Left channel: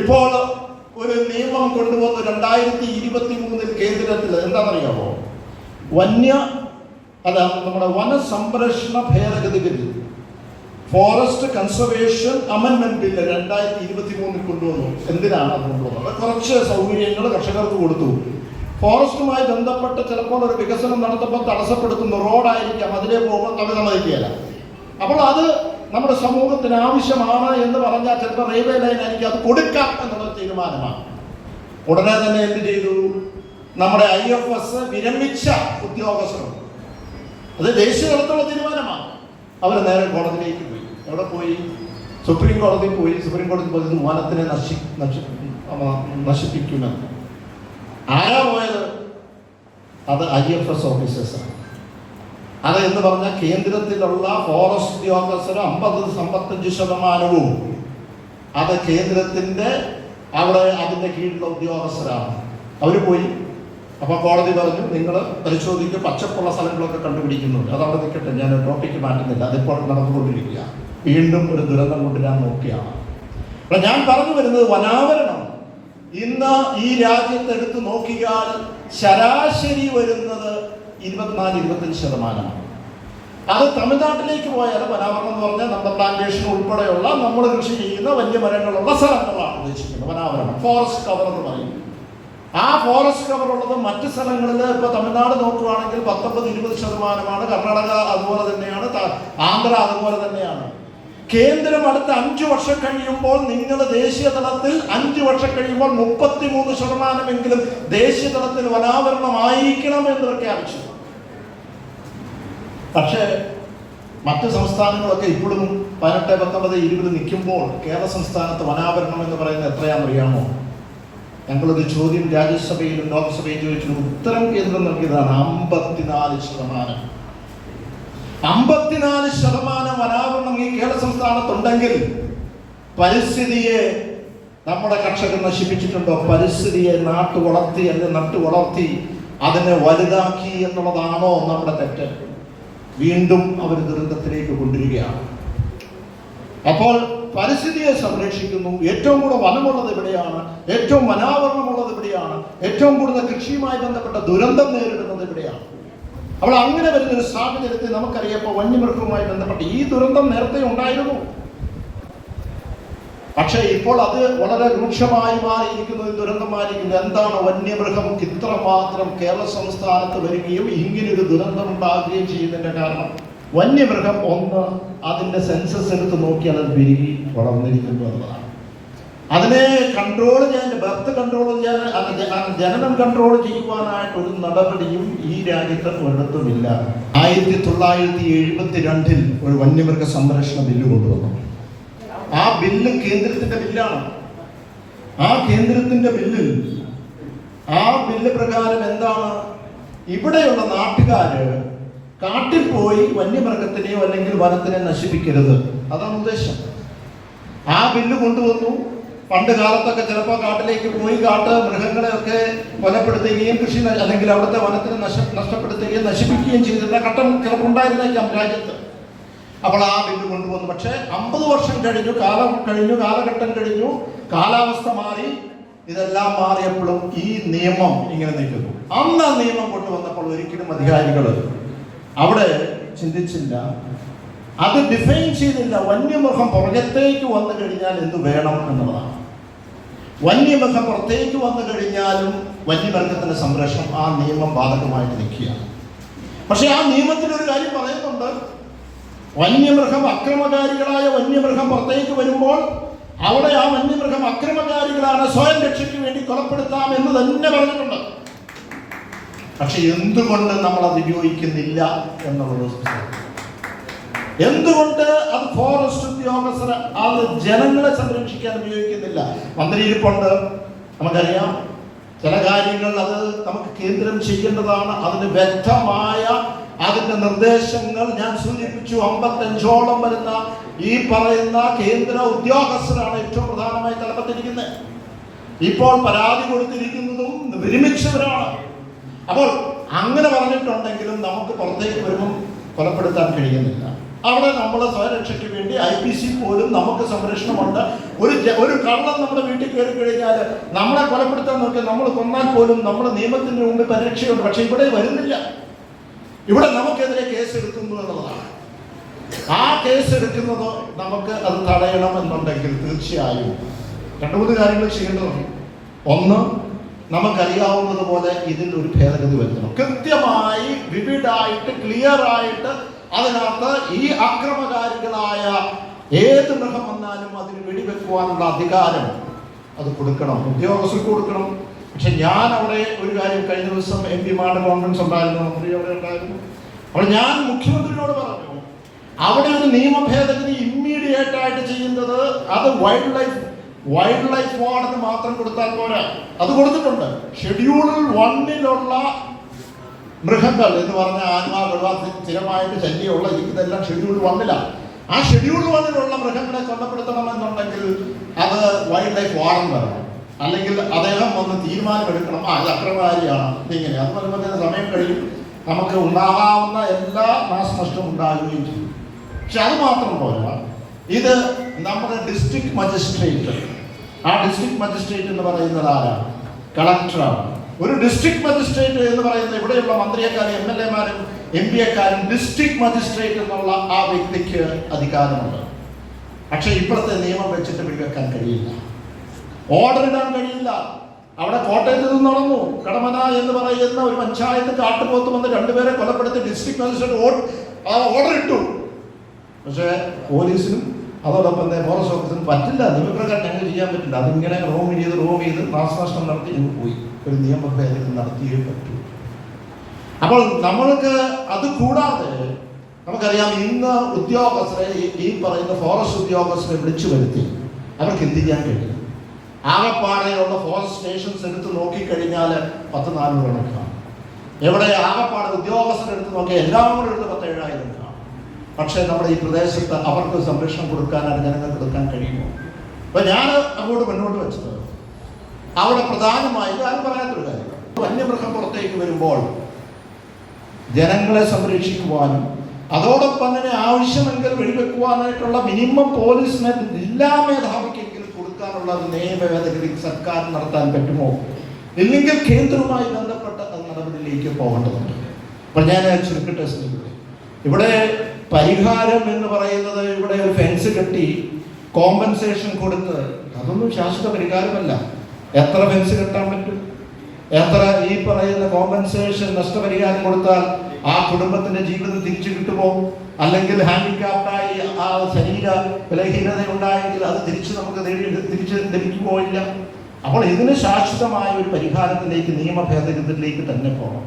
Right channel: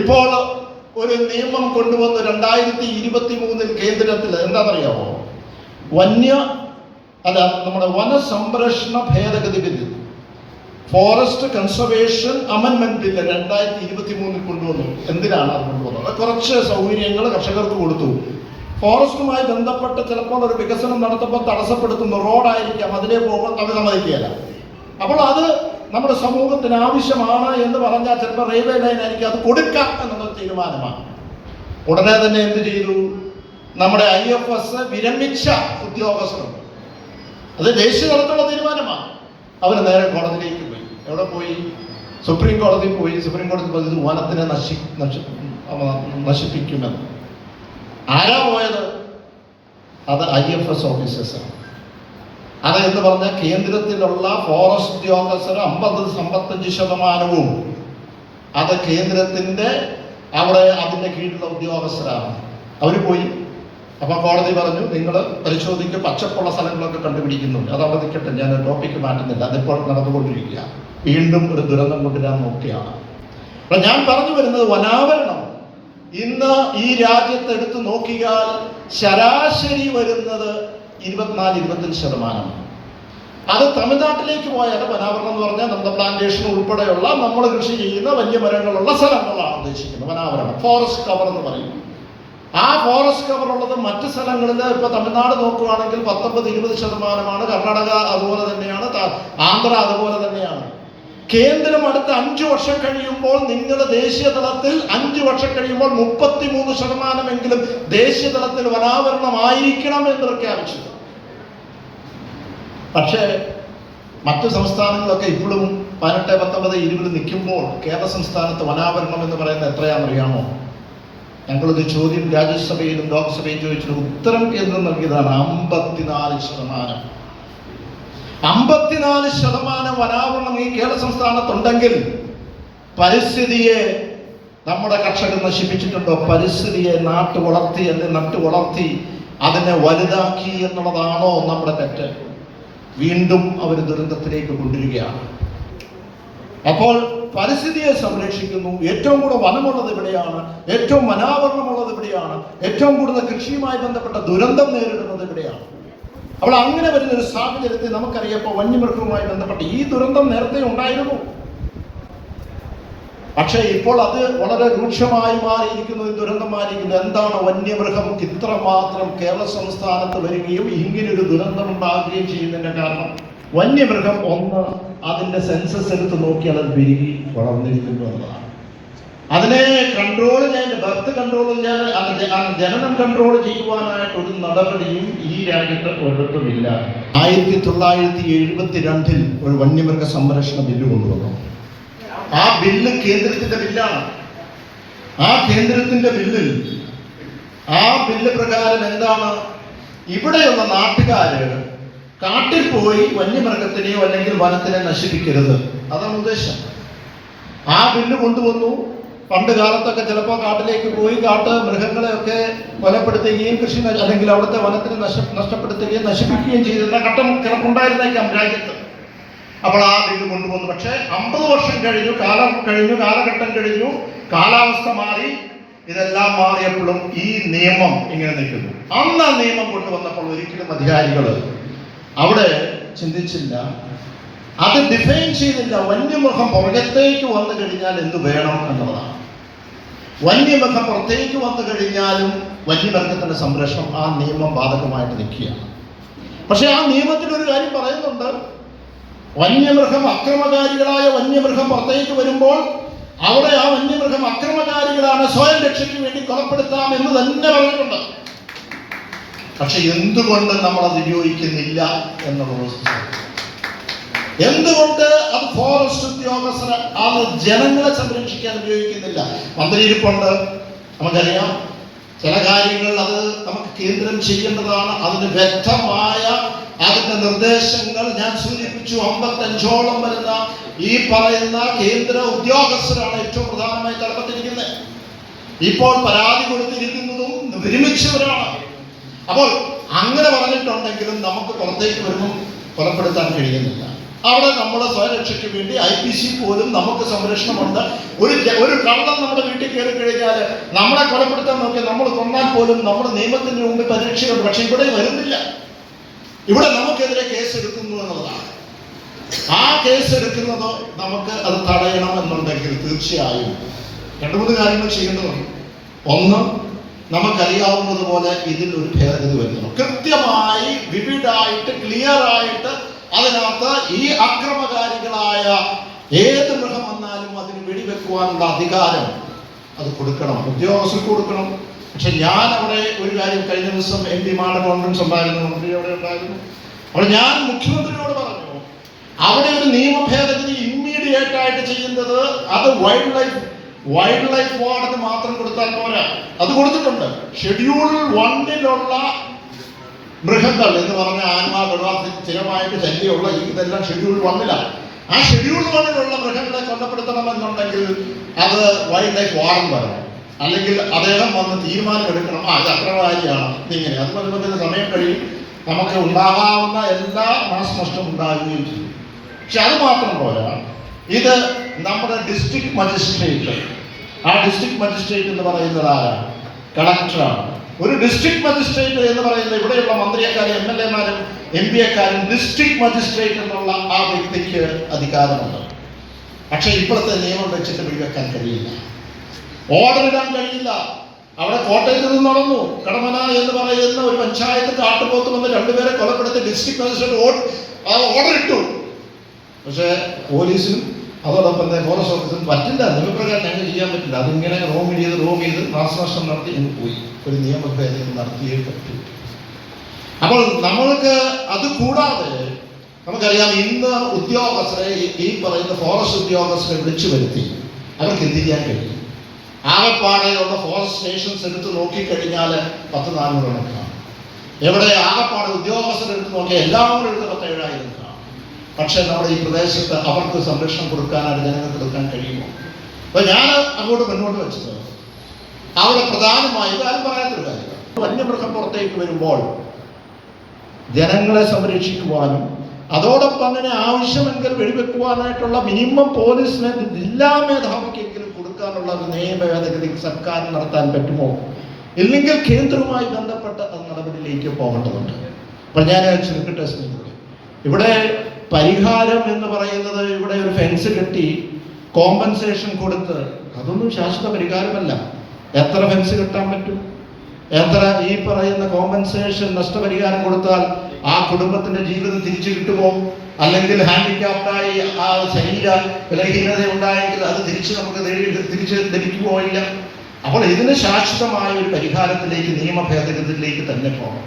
ഇപ്പോൾ ഒരു നിയമം കൊണ്ടുവന്ന് 2023 കേന്ദ്രത്തിൽ എന്താണെന്നറിയാമോ? നമ്മുടെ വനസംരക്ഷണ ഭേദഗതി ബില്ല്, ഫോറസ്റ്റ് കൺസർവേഷൻ അമെൻമെന്റ് ബില്ല് 2023 കൊണ്ടുവന്നു. എന്തിനാണ് അത് കൊണ്ടുവന്നത്? കുറച്ച് സൗകര്യങ്ങൾ കർഷകർക്ക് കൊടുത്തു. ഫോറസ്റ്റുമായി ബന്ധപ്പെട്ട് ചിലപ്പോൾ ഒരു വികസനം നടത്തുമ്പോൾ തടസ്സപ്പെടുത്തുന്ന റോഡായിരിക്കാം, അതിലേ പോകുമ്പോൾ തമിഴ്നായിരിക്കില്ല. അപ്പോൾ അത് നമ്മുടെ സമൂഹത്തിന് ആവശ്യമാണ് എന്ന് പറഞ്ഞാൽ ചിലപ്പോൾ റെയിൽവേ ലൈൻ ആയിരിക്കും, അത് കൊടുക്കാം എന്നുള്ള തീരുമാനമാണ്. ഉടനെ തന്നെ എന്ത് ചെയ്തു? നമ്മുടെ IFS വിരമിച്ച ഉദ്യോഗസ്ഥരുണ്ട്, അത് ദേശീയ തലത്തിലുള്ള തീരുമാനമാണ്. അവർ നേരെ കോടതിയിലേക്ക് പോയി. എവിടെ പോയി? സുപ്രീം കോടതിയിൽ പോയി. സുപ്രീം കോടതി പറഞ്ഞത് വനത്തിനെ നശിപ്പിക്കുമെന്ന്. ആരാ പോയത്? അത് IFS ഓഫീസേഴ്സാണ്. അത് എന്ന് പറഞ്ഞാൽ കേന്ദ്രത്തിലുള്ള ഫോറസ്റ്റ് ഉദ്യോഗസ്ഥർ 50-55% അത് കേന്ദ്രത്തിന്റെ അതിന്റെ കീഴിലുള്ള ഉദ്യോഗസ്ഥരാണ്. അവർ പോയി. അപ്പൊ കോടതി പറഞ്ഞു, നിങ്ങൾ പരിശോധിക്കുക, പച്ചപ്പുള്ള സ്ഥലങ്ങളൊക്കെ കണ്ടുപിടിക്കുന്നുണ്ട്, അത് അവിടെ നിൽക്കട്ടെ, ഞാൻ ടോപ്പിക്ക് മാറ്റുന്നില്ല, അതിപ്പോൾ നടന്നുകൊണ്ടിരിക്കുക. വീണ്ടും ഒരു ദുരന്തം കൊണ്ടുവരാൻ നോക്കിയാണ്. അപ്പൊ ഞാൻ പറഞ്ഞു വരുന്നത്, വനാവരണം ഇന്ന് ഈ രാജ്യത്ത് എടുത്തു നോക്കിയാൽ ശരാശരി വരുന്നത് 24-25%. അത് തമിഴ്നാട്ടിലേക്ക് പോയാൽ വനാവരണം എന്ന് പറഞ്ഞാൽ നമ്മുടെ പ്ലാന്റേഷൻ ഉൾപ്പെടെയുള്ള നമ്മൾ കൃഷി ചെയ്യുന്ന വലിയ മരങ്ങളുള്ള സ്ഥലങ്ങളാണ് ഉദ്ദേശിക്കുന്നത് വനാവരണം. ഫോറസ്റ്റ് കവർ എന്ന് പറയും. ആ ഫോറസ്റ്റ് കവർ ഉള്ളത് മറ്റ് സ്ഥലങ്ങളിൽ ഇപ്പൊ തമിഴ്നാട് നോക്കുകയാണെങ്കിൽ 19-20%. കർണാടക അതുപോലെ തന്നെയാണ്, ആന്ധ്ര അതുപോലെ തന്നെയാണ്. കേന്ദ്രം അടുത്ത 5 വർഷം കഴിയുമ്പോൾ നിങ്ങൾ ദേശീയ തലത്തിൽ 5 വർഷം കഴിയുമ്പോൾ 33% ദേശീയ തലത്തിൽ വനാവരണമായിരിക്കണം എന്ന് പ്രഖ്യാപിച്ചു. പക്ഷേ മറ്റു സംസ്ഥാനങ്ങളൊക്കെ ഇപ്പോഴും 18, 19, 20 നിൽക്കുമ്പോൾ കേരള സംസ്ഥാനത്ത് വനാവരണം എന്ന് പറയുന്നത് എത്രയാണെന്നറിയാമോ? ഞങ്ങളൊരു ചോദ്യം രാജ്യസഭയിലും ലോക്സഭയിലും ചോദിച്ചിട്ട് ഉത്തരം കേന്ദ്രം നൽകിയതാണ് 54%. 54% വനാവരണം ഈ കേരള സംസ്ഥാനത്തുണ്ടെങ്കിൽ പരിസ്ഥിതിയെ നമ്മുടെ കർഷകർ നശിപ്പിച്ചിട്ടുണ്ടോ? പരിസ്ഥിതിയെ നട്ടു വളർത്തി അതിനെ വലുതാക്കി എന്നുള്ളതാണോ നമ്മുടെ തെറ്റ്? വീണ്ടും അവർ ദുരന്തത്തിലേക്ക് കൊണ്ടുവരികയാണ്. അപ്പോൾ പരിസ്ഥിതിയെ സംരക്ഷിക്കുന്നു. ഏറ്റവും കൂടുതൽ വനമുള്ളത് ഇവിടെയാണ്, ഏറ്റവും വനാവരണമുള്ളത് ഇവിടെയാണ്, ഏറ്റവും കൂടുതൽ കൃഷിയുമായി ബന്ധപ്പെട്ട ദുരന്തം നേരിടുന്നത് ഇവിടെയാണ്. അപ്പോൾ അങ്ങനെ വരുന്നൊരു സാഹചര്യത്തിൽ നമുക്കറിയാം, ഇപ്പോൾ വന്യമൃഗവുമായി ബന്ധപ്പെട്ട് ഈ ദുരന്തം നേരത്തെ ഉണ്ടായിരുന്നു. പക്ഷേ ഇപ്പോൾ അത് വളരെ രൂക്ഷമായി മാറിയിരിക്കുന്നത്, ദുരന്തമായിരിക്കുന്നത്. എന്താണ്? വന്യമൃഗം ഇത്രമാത്രം കേരള സംസ്ഥാനത്ത് വരികയും ഇങ്ങനൊരു ദുരന്തം ഉണ്ടാകുകയും ചെയ്യുന്നതിന്റെ കാരണം വന്യമൃഗം അതിന്റെ സെൻസസ് എടുത്ത് നോക്കിയാൽ അത് പെരുകി വളർന്നിരിക്കുന്നു എന്നതാണ്. അതിനെ കൺട്രോൾ ചെയ്യാൻ, ബർത്ത് കൺട്രോൾ ചെയ്യാൻ, ജനനം കൺട്രോൾ ചെയ്യുവാനായിട്ട് ഒരു നടപടിയും ഈ രാജ്യത്ത് ഒരിടത്തുമില്ല. 1972 ഒരു വന്യമൃഗ സംരക്ഷണ ബില്ല് കൊണ്ടുവന്നു. ആ ബില്ല് കേന്ദ്രത്തിന്റെ ബില്ലാണ്. ആ കേന്ദ്രത്തിന്റെ ബില്ലിൽ ആ ബില്ല് പ്രകാരം എന്താണ്? ഇവിടെയുള്ള നാട്ടുകാര് കാട്ടിൽ പോയി വന്യമൃഗത്തിനെയോ അല്ലെങ്കിൽ വനത്തിനെ നശിപ്പിക്കരുത്, അതാണ് ഉദ്ദേശം. ആ ബില്ല് കൊണ്ടുവന്നു. പണ്ട് കാലത്തൊക്കെ ചിലപ്പോൾ കാട്ടിലേക്ക് പോയി മൃഗങ്ങളെയൊക്കെ കൊലപ്പെടുത്തുകയും കൃഷി അല്ലെങ്കിൽ അവിടുത്തെ വനത്തിനെ നഷ്ടപ്പെടുത്തുകയും നശിപ്പിക്കുകയും ചെയ്തിരുന്ന ഘട്ടം ചിലപ്പുണ്ടായിരുന്നേക്കാം രാജ്യത്ത്. അപ്പോൾ ആ ബില്ല് കൊണ്ടുവന്നു. പക്ഷേ 50 വർഷം കഴിഞ്ഞു, കാലഘട്ടം കഴിഞ്ഞു, കാലാവസ്ഥ മാറി, ഇതെല്ലാം മാറിയപ്പോഴും ഈ നിയമം ഇങ്ങനെ നിൽക്കുന്നു. അന്ന് ആ നിയമം കൊണ്ടുവന്നപ്പോൾ ഒരിക്കലും അധികാരികൾ അവിടെ ചിന്തിച്ചില്ല, അത് ഡിഫൈൻ ചെയ്തില്ല. വന്യമൃഗം പുറത്തേക്ക് വന്നു കഴിഞ്ഞാൽ എന്ത് വേണം എന്നുള്ളതാണ്. വന്യമൃഗം പുറത്തേക്ക് വന്നു കഴിഞ്ഞാലും വന്യമൃഗത്തിന്റെ സംരക്ഷണം ആ നിയമം ബാധകമായിട്ട് നിൽക്കുകയാണ്. പക്ഷെ ആ നിയമത്തിനൊരു കാര്യം പറയുന്നുണ്ട്, അക്രമകാരികളായ വന്യമൃഗം പുറത്തേക്ക് വരുമ്പോൾ അവിടെ ആ വന്യമൃഗം അക്രമകാരികളാണ്, സ്വയം രക്ഷയ്ക്ക് വേണ്ടി കൊലപ്പെടുത്താം എന്ന് തന്നെ പറഞ്ഞിട്ടുണ്ട്. പക്ഷെ എന്തുകൊണ്ട് നമ്മൾ അത് ഉപയോഗിക്കുന്നില്ല എന്നുള്ളത്, എന്തുകൊണ്ട് അത് ഫോറസ്റ്റ് ഉദ്യോഗസ്ഥർ അത് ജനങ്ങളെ സംരക്ഷിക്കാൻ ഉപയോഗിക്കുന്നില്ല? മന്ത്രിയിരിപ്പുണ്ട്, നമുക്കറിയാം ചില കാര്യങ്ങൾ അത് നമുക്ക് കേന്ദ്രം ചെയ്യേണ്ടതാണ്. അതിന് വ്യക്തമായ അതിന്റെ നിർദ്ദേശങ്ങൾ ഞാൻ സൂചിപ്പിച്ചു. 55ഓളം വരുന്ന ഈ പറയുന്ന കേന്ദ്ര ഉദ്യോഗസ്ഥരാണ് ഏറ്റവും പ്രധാനമായി തലപ്പത്തിരിക്കുന്നത്. ഇപ്പോൾ പരാതി കൊടുത്തിരിക്കുന്നതും വിരമിച്ചവരാണ്. അപ്പോൾ അങ്ങനെ പറഞ്ഞിട്ടുണ്ടെങ്കിലും നമുക്ക് പുറത്തേക്ക് വരുമ്പോൾ കൊലപ്പെടുത്താൻ കഴിയുന്നില്ല. അവിടെ നമ്മുടെ സ്വരക്ഷയ്ക്ക് വേണ്ടി IPC പോലും നമുക്ക് സംരക്ഷണമുണ്ട്. ഒരു കള്ളൻ നമ്മുടെ വീട്ടിൽ കയറി കഴിഞ്ഞാൽ നമ്മളെ കൊലപ്പെടുത്താൻ നോക്കി നമ്മൾ കൊന്നാൽ പോലും നമ്മുടെ നിയമത്തിന് മുമ്പ് പരീക്ഷയുണ്ട്. പക്ഷെ ഇവിടെ വരുന്നില്ല. ഇവിടെ നമുക്കെതിരെ കേസ് എടുക്കുന്നു എന്നുള്ളതാണ്. ആ കേസ് എടുക്കുന്നത് നമുക്ക് അത് തടയണമെന്നുണ്ടെങ്കിൽ തീർച്ചയായും 2-3 കാര്യങ്ങൾ ചെയ്യേണ്ടതുണ്ട്. ഒന്ന്, നമുക്കറിയാവുന്നതുപോലെ ഇതിൽ ഒരു ഭേദഗതി വരുന്നു. കൃത്യമായി വിവിഡായിട്ട് ക്ലിയർ ആയിട്ട് അതിനകത്ത് ഈ അക്രമകാരികളായ ഏത് മൃഗം വന്നാലും അതിന് വെടിവെക്കുവാനുള്ള അധികാരം അത് കൊടുക്കണം, ഉദ്യോഗസ്ഥർക്ക് കൊടുക്കണം. പക്ഷെ ഞാൻ അവിടെ ഒരു കാര്യം, കഴിഞ്ഞ ദിവസം MP മാരുടെ കോൺഫറൻസ് ഉണ്ടായിരുന്നു, മന്ത്രി അവിടെ ഉണ്ടായിരുന്നു. അപ്പോൾ ഞാൻ മുഖ്യമന്ത്രിയോട് പറഞ്ഞു, അവിടെ ഒരു നിയമ ഭേദഗതി ഇമ്മീഡിയറ്റ് ആയിട്ട് ചെയ്യുന്നത് അത് വൈൽഡ് ലൈഫ് വാർഡിന് മാത്രം കൊടുത്താൽ പോരാ. അത് കൊടുത്തിട്ടുണ്ട്. ഷെഡ്യൂൾ 1-ലുള്ള മൃഗങ്ങൾ എന്ന് പറഞ്ഞ ആത്മാ സ്ഥിരമായിട്ട് ശല്യമുള്ള ഇതെല്ലാം ഷെഡ്യൂൾ 1-ലാണ്. ആ ഷെഡ്യൂൾ 1-ലുള്ള മൃഗങ്ങളെ കൊല്ലപ്പെടുത്തണമെന്നുണ്ടെങ്കിൽ അത് വൈൽഡ് ലൈഫ് വാർഡൻ വരണം. അല്ലെങ്കിൽ അദ്ദേഹം വന്ന് തീരുമാനമെടുക്കണം, ഇത് അക്രമകാരിയാണ്, ഇതിങ്ങനെ. അത് പറയുമ്പോൾ തന്നെ സമയം കഴിയും, നമുക്ക് ഉണ്ടാകാവുന്ന എല്ലാ നാശനഷ്ടം ഉണ്ടാകുകയും ചെയ്യും. പക്ഷെ അത് മാത്രം പോരാ, ഇത് നമ്മുടെ ഡിസ്ട്രിക്ട് മജിസ്ട്രേറ്റ്, ആ ഡിസ്ട്രിക്ട് മജിസ്ട്രേറ്റ് എന്ന് പറയുന്നത് ആരാണ്? കളക്ടറാണ്. ഒരു ഡിസ്ട്രിക്ട് മജിസ്ട്രേറ്റ് എന്ന് പറയുന്നത് ഇവിടെയുള്ള മന്ത്രിയെക്കാരും MLA-മാരും MP-ക്കാരും ഡിസ്ട്രിക്ട് മജിസ്ട്രേറ്റ് എന്നുള്ള ആ വ്യക്തിക്ക് അധികാരമുണ്ട്. പക്ഷെ ഇപ്പോഴത്തെ നിയമം വെച്ചിട്ട് വെടിവെക്കാൻ കഴിയില്ല, ഓർഡർ ഇടാൻ കഴിയില്ല. അവിടെ കോട്ടയത്ത് നിന്ന് നടന്നു, കടമന എന്ന് പറയുന്ന ഒരു പഞ്ചായത്ത് കാട്ടുപോത്ത് വന്ന് 2 പേരെ കൊലപ്പെടുത്തി ഡിസ്ട്രിക്ട് മജിസ്ട്രേറ്റ് ഓർഡർ ഇട്ടു. പക്ഷേ പോലീസിനും അതോടൊപ്പം ഫോറസ്റ്റ് ഓഫീസിനും പറ്റില്ല, നിയമപ്രകാരം ഞങ്ങൾ ചെയ്യാൻ പറ്റില്ല. അതിങ്ങനെ റോം ചെയ്ത് നാശനഷ്ടം നടത്തി ഇങ്ങ് പോയി. ഒരു നിയമഭേദഗതി നടത്തിയേ പറ്റൂ. അപ്പോൾ നമ്മൾക്ക് അത് കൂടാതെ നമുക്കറിയാം, ഇന്ന് ഉദ്യോഗസ്ഥരെ ഈ പറയുന്ന ഫോറസ്റ്റ് ഉദ്യോഗസ്ഥരെ വിളിച്ചു വരുത്തി അവർക്ക് എന്ത് ചെയ്യാൻ കഴിയും? ആകപ്പാടെയുള്ള ഫോറസ്റ്റ് സ്റ്റേഷൻസ് എടുത്ത് നോക്കിക്കഴിഞ്ഞാൽ 10-400 കണക്കാണ്. എവിടെ ആകപ്പാടെ ഉദ്യോഗസ്ഥരെടുത്ത് നോക്കിയാൽ എല്ലാവരും എടുത്ത് 17,000 കാണും. പക്ഷേ നമ്മുടെ ഈ പ്രദേശത്ത് അവർക്ക് സംരക്ഷണം കൊടുക്കാനാണ് ജനങ്ങൾക്ക് എടുക്കാൻ കഴിയുമോ? അപ്പോൾ ഞാൻ അങ്ങോട്ട് മുന്നോട്ട് വെച്ചത് അവിടെ പ്രധാനമായും ആരും പറയാത്തൊരു കാര്യം, വന്യമൃഗം പുറത്തേക്ക് വരുമ്പോൾ ജനങ്ങളെ സംരക്ഷിക്കുവാനും അതോടൊപ്പം തന്നെ ആവശ്യമെങ്കിൽ വെടിവെക്കുവാനായിട്ടുള്ള മിനിമം പോലീസിനെ ജില്ലാ മേധാവിക്കെങ്കിലും കൊടുക്കാനുള്ള ഒരു നിയമ ഭേദഗതി സർക്കാർ നടത്താൻ പറ്റുമോ? ഇല്ലെങ്കിൽ കേന്ദ്രവുമായി ബന്ധപ്പെട്ട നടപടിയിലേക്ക് പോകേണ്ടതുണ്ട്. അപ്പം ഞാൻ ചുരുക്കട്ടെ, ഇവിടെ പരിഹാരം എന്ന് പറയുന്നത് ഇവിടെ ഒരു ഫെൻസ് കെട്ടി കോമ്പൻസേഷൻ കൊടുത്ത് അതൊന്നും ശാശ്വത പരിഹാരമല്ല. എത്ര ഫെൻസ് കെട്ടാൻ പറ്റും? എത്ര ഈ പറയുന്ന കോമ്പൻസേഷൻ നഷ്ടപരിഹാരം കൊടുത്താൽ ആ കുടുംബത്തിന്റെ ജീവിതം തിരിച്ചു കിട്ടുമോ? അല്ലെങ്കിൽ ഹാൻഡിക്യാപ്റ്റായി ആ ശരീര ബലഹീനത ഉണ്ടായെങ്കിൽ അത് തിരിച്ച് ലഭിക്കുമോ? ഇല്ല. അപ്പോൾ ഇതിന് ശാശ്വതമായ ഒരു പരിഹാരത്തിലേക്ക്, നിയമ ഭേദഗതിയിലേക്ക് തന്നെ പോകണം.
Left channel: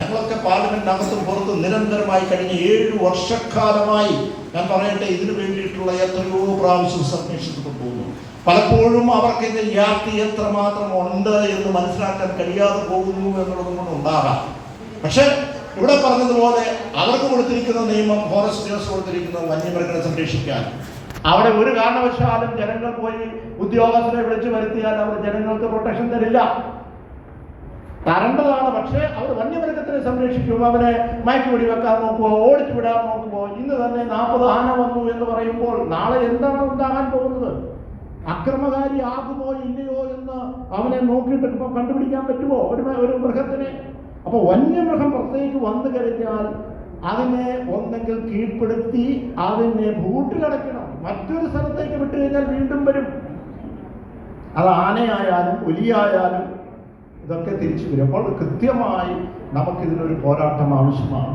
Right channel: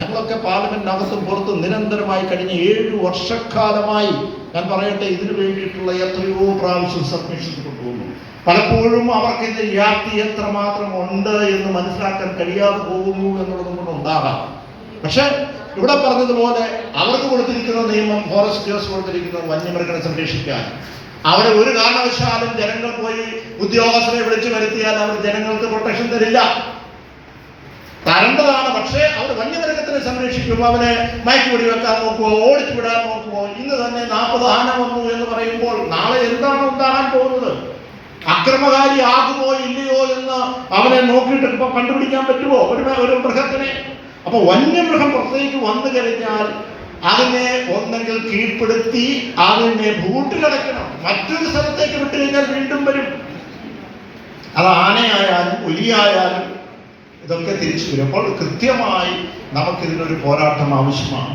ഞങ്ങളൊക്കെ പാർലമെന്റിനകത്തും പുറത്തും നിരന്തരമായി കഴിഞ്ഞ 7 വർഷക്കാലമായി ഞാൻ പറയട്ടെ, ഇതിനു വേണ്ടിയിട്ടുള്ള എത്രയോ പ്രാവശ്യം സബ്മിഷൻ കൊണ്ടുപോകുന്നു. പലപ്പോഴും അവർക്ക് ഇത് വ്യാപ്തി എത്രമാത്രം ഉണ്ട് എന്ന് മനസ്സിലാക്കാൻ കഴിയാതെ പോകുന്നു എന്നുള്ളതും കൂടെ ഉണ്ടാകാം. പക്ഷെ ഇവിടെ പറഞ്ഞതുപോലെ അവർക്ക് കൊടുത്തിരിക്കുന്ന നിയമം, ഫോറസ്റ്റേഴ്സ് കൊടുത്തിരിക്കുന്നത് വന്യമൃഗങ്ങളെ സംരക്ഷിക്കാൻ. അവിടെ ഒരു കാരണവശാലും ജനങ്ങൾ പോയി ഉദ്യോഗസ്ഥരെ വിളിച്ചു വരുത്തിയാൽ അവർ ജനങ്ങൾക്ക് പ്രൊട്ടക്ഷൻ തരില്ല, തരേണ്ടതാണ്. പക്ഷേ അവർ വന്യമൃഗത്തിനെ സംരക്ഷിക്കുമ്പോൾ അവരെ മയക്കുപിടി വെക്കാൻ നോക്കുമോ, ഓടിച്ചു വിടാൻ നോക്കുമോ? ഇന്ന് തന്നെ 40 ആന വന്നു എന്ന് പറയുമ്പോൾ നാളെ എന്താണ് ഉണ്ടാകാൻ പോകുന്നത്? അക്രമകാരി ആകുമോ ഇല്ലയോ എന്ന് അവനെ നോക്കിയിട്ട് ഇപ്പൊ കണ്ടുപിടിക്കാൻ പറ്റുമോ ഒരു മൃഗത്തിനെ? അപ്പൊ വന്യമൃഗം പുറത്തേക്ക് വന്നു കഴിഞ്ഞാൽ അതിനെ ഒന്നെങ്കിൽ കീഴ്പ്പെടുത്തി അതിനെ ബൂട്ടിലടയ്ക്കണം, മറ്റൊരു സ്ഥലത്തേക്ക് വിട്ടു കഴിഞ്ഞാൽ വീണ്ടും വരും. അത് ആനയായാലും പുലിയായാലും ഇതൊക്കെ തിരിച്ചു വരും. അപ്പോൾ കൃത്യമായി നമുക്കിതിനൊരു പോരാട്ടം ആവശ്യമാണ്.